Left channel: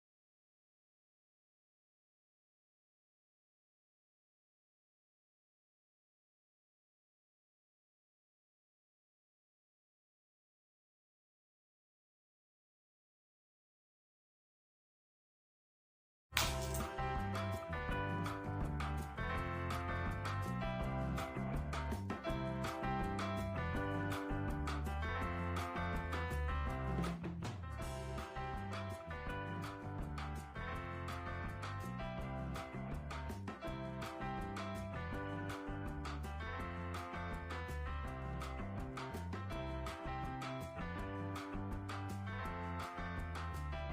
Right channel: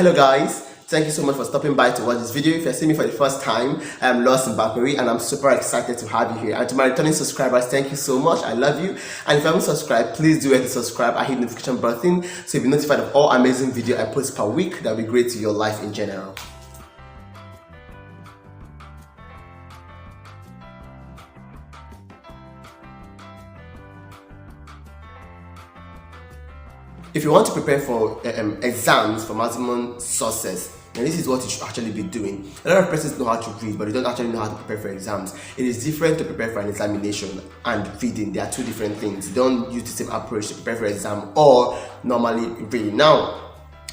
Hello guys, thank you so much for stopping by to watch this video. If you're seeing me for the first time, I am Lost in Bakuri and I'm super excited to have you here. And to my returning subscribers, thank you so much. I love you. And if you haven't subscribed, please do hit the subscribe and hit the notification button so you'll be notified of all amazing videos I post per week that will be great to your life in general. If you want to prepare for exams for maximum success, and this is what you should actually be doing. A lot of persons know how to read, but they don't actually know how to prepare for exams. It is different to prepare for an examination and reading. They are two different things. You don't use the same approach to prepare for exam or normally reading. Now,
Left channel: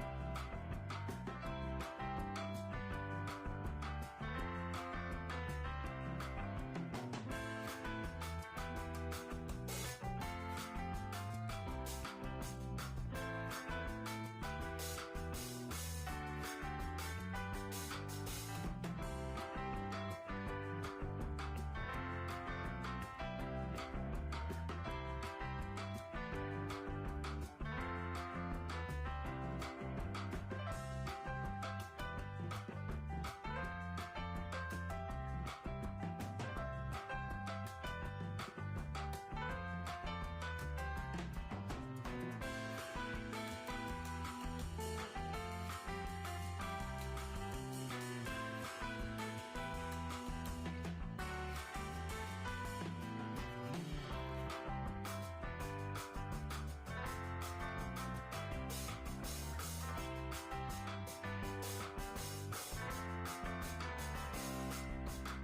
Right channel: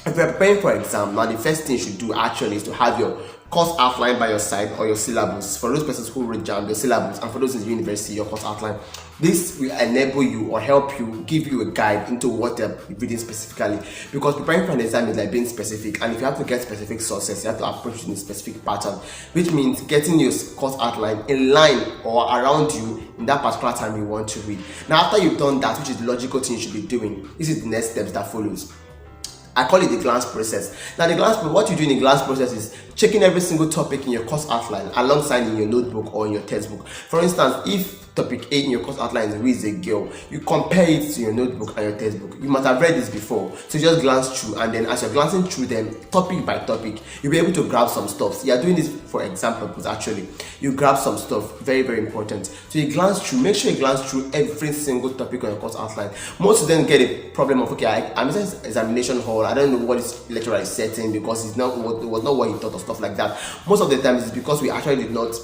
if you're preparing for exam, now the first thing you should do actually is to have your course outline by your side or your syllabus. For those persons who read JAM, your syllabus, and for those in the university, your course outline. This will enable you or help you, give you a guide into what they're reading specifically. Because preparing for an exam is like being specific, and if you have to get specific sources, you have to approach it in a specific pattern, which means getting your course outline in line or around you in that particular time you want to read. Now, after you've done that, which is the logical thing you should be doing, this is the next steps that follows. I call it the glance process. Now, what you do in the glance process is checking every single topic in your course outline alongside in your notebook or in your textbook. For instance, if topic A in your course outline is who is a girl, you compare it to your notebook and your textbook. You must have read this before, so you just glance through, and then as you're glancing through them topic by topic, you'll be able to grab some stuff. So you are doing this for example purpose actually. You grab some stuff, very important. So you glance through, make sure you glance through every single topic on your course outline. Most of them get a problem of, okay, I'm in examination hall, I don't know what this lecturer is setting because it was not what he thought or stuff like that. Most of the time it's because we actually did not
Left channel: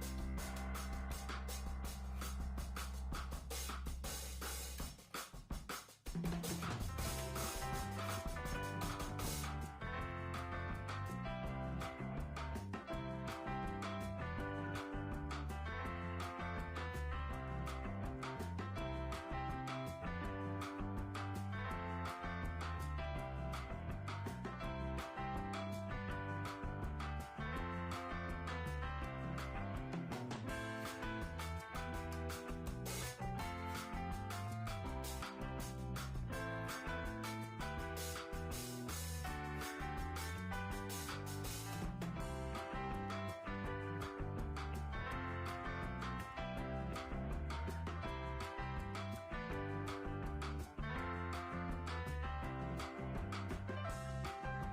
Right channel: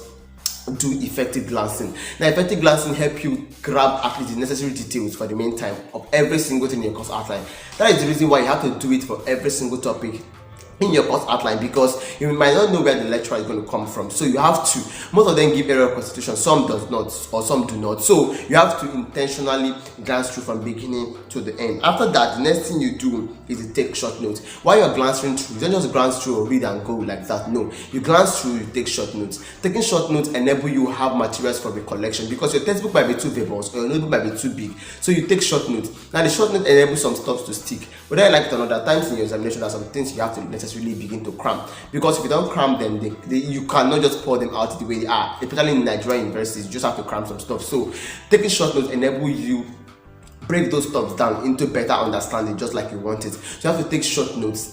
do effective glancing. Now, effective glancing help you grab at least the necessary details for the meantime of every single thing in your course outline. That is the reason why you have to do it for every single topic in your course outline, because you might not know where the lecturer is going to come from. So you have to, most of them give area of constitution, some does not, or some do not. So you have to intentionally glance through from beginning to the end. After that, the next thing you do is to take short notes. While you're glancing through, you don't just glance through or read and go like that. No, you glance through, you take short notes. Taking short notes enable you to have materials for recollection, because your textbook might be too verbose or your notebook might be too big. So you take short notes. Now the short note enables some stuff to stick. But then, like another times in your examination, there are some things you have to necessarily begin to cram, because if you don't cram them, you cannot just pour them out the way they are. Especially in Nigerian universities, you just have to cram some stuff. So taking short notes enable you break those stuff down into better understanding, just like you want it. So you have to take short notes,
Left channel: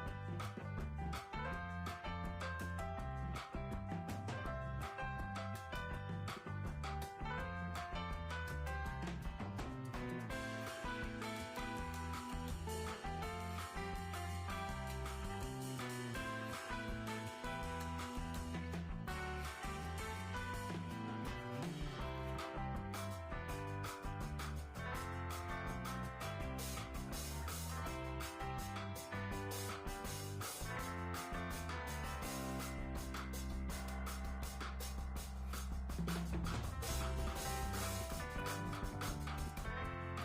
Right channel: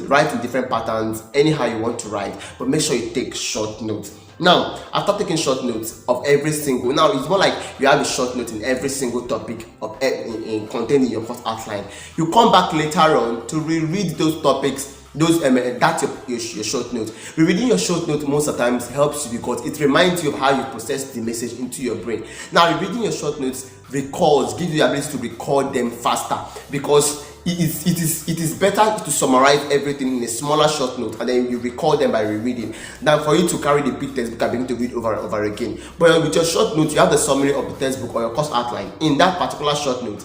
write in different patterns, anyhow you want to write, but make sure you take short notes. Now, after taking short notes of every single, now it's more like you have a short note in every single topic of contained in your course outline. You come back later on to reread those topics. That's your short note. Rereading your short note most of the times helps you because it reminds you of how you process the message into your brain. Now, rereading your short notes gives you the ability to recall them faster, because it is better to summarize everything in a smaller short note and then you recall them by rereading than for you to carry the big textbook and begin to read over and over again. But with your short note, you have the summary of the textbook or your course outline in that particular short note.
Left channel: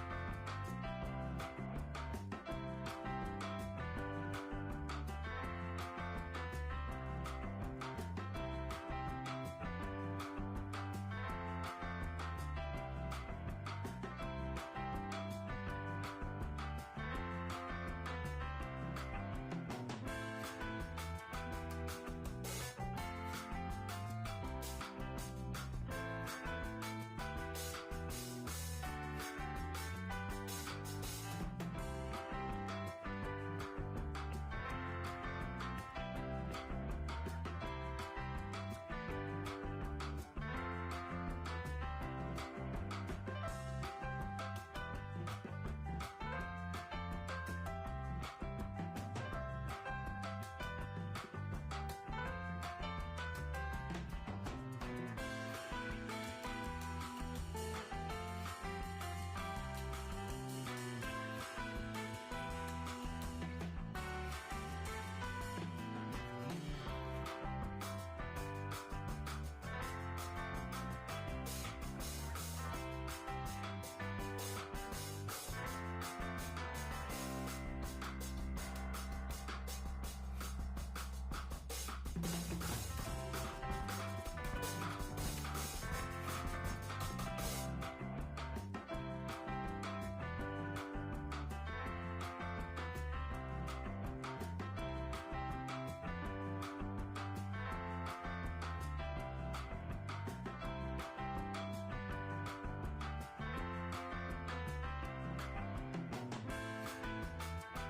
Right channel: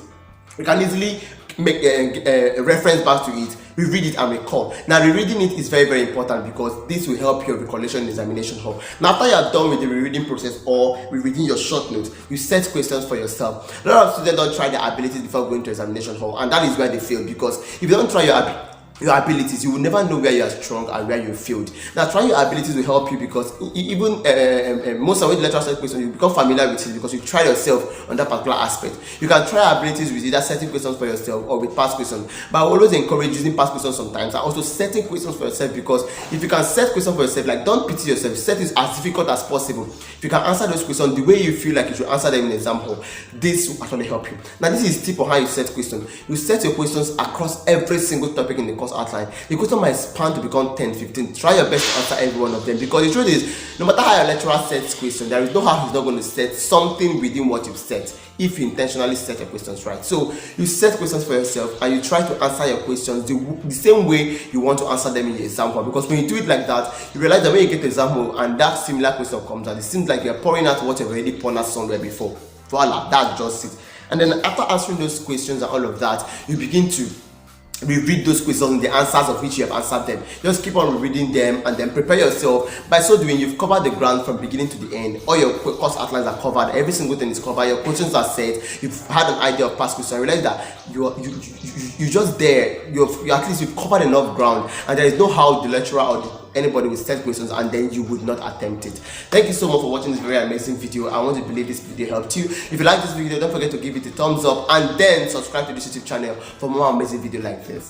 You can easily make a reference back to it, reread it and recall. Now, rereading it is very important because this will help your recollection in examination hall. Now, after you are done with the rereading process or rereading your short notes, you set questions for yourself. A lot of students don't try their abilities before going to examination hall, and that is where they fail, because if you don't try your abilities, you will never know where you are strong and where you failed. Now, trying your abilities will help you because even most of the lecturers set questions, you become familiar with it because you try yourself on that particular aspect. You can try abilities with either setting questions for yourself or with past questions, but I always encourage using past questions sometimes and also setting questions for yourself, because if you can set questions for yourself, like don't pity yourself, set it as difficult as possible. If you can answer those questions the way you feel like you should answer them in an exam hall, this will actually help you. Now, this is a tip on how you set questions. You set your questions across every single topic in the course outline. The question might span to become 10, 15. Try your best to answer every one of them, because the truth is, no matter how your lecturer sets questions, there is no how he's not going to set something within what you've set if you intentionally set your questions right. So you set questions for yourself and you try to answer your questions the same way you want to answer them in the exam hall, because when you do it like that, you realize that when you get to the exam hall and that similar question comes out, it seems like you're pouring out what you've already poured out somewhere before. Voila, that's just it. And then after answering those questions and all of that, you begin to reread those questions, the answers of which you have answered them. Just keep on reading them and then prepare yourself. By so doing, you've covered the ground from beginning to the end. All your course outlines are covered, every single thing is covered, your questions are set, you've had an idea of past questions. I realize that you just there, you at least you've covered enough ground, and there is no how the lecturer or anybody will set questions and then you would not attempt it. Thank you so much for watching this very amazing video. I want to believe this video helped you. If you like this video, don't forget to give it a thumbs up and then subscribe to this YouTube channel for more amazing video like this.